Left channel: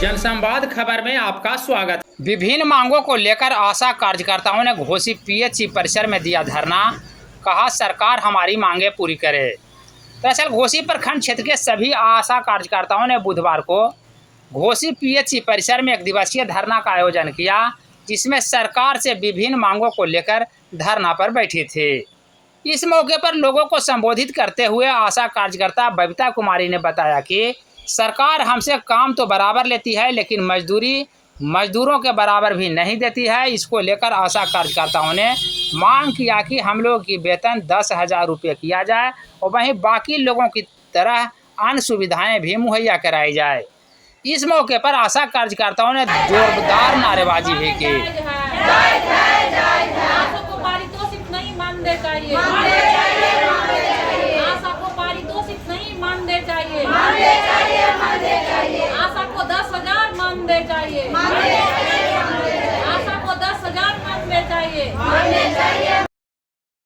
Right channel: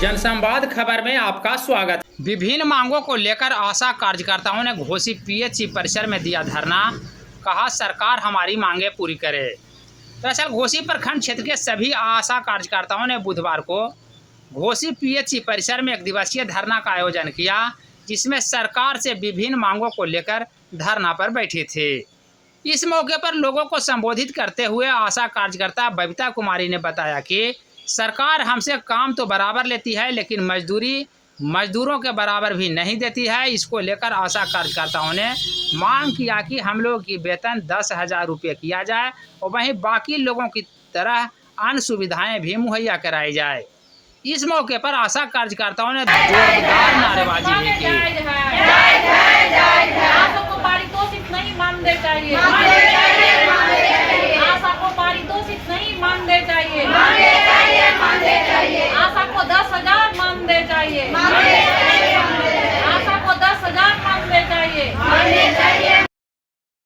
जनसंवाद खबर में आपका स्वागत। विभिन्न मांगों को लेकर आशा कार्यकर्ताओं ने घोसी पीएचसी परिसर में दिया धरना। कहा सरकार हमारी मांगे पूरी करे। दरअसल घोसी प्रखंड क्षेत्र के सभी आशा कार्यकर्ताओं ने बुधवार को घोसी पीएचसी परिसर में एक दिवसीय धरना का आयोजन किया, जिसमें सरकार से विभिन्न मांगों को लेकर धरना पर बैठी थी। इस मौके पर लोगों को संबोधित करते हुए आशा कार्यकर्ता बबीता कुमारी ने बताया कि सरकार हमसे काम तो बराबर लेती है, लेकिन मजदूरों के बराबर भी नहीं देती है। इसको लेकर आशा कार्यकर्ताओं ने मांग किया कि हम लोगों की वेतन 10,000 रुपये किया जाए और वहीं बाकी लोगों की तरह अन्य सुविधाएं भी मुहैया कराई जाए। इस मौके पर आशा कार्यकर्ताओं ने जोरदार नारेबाजी भी की।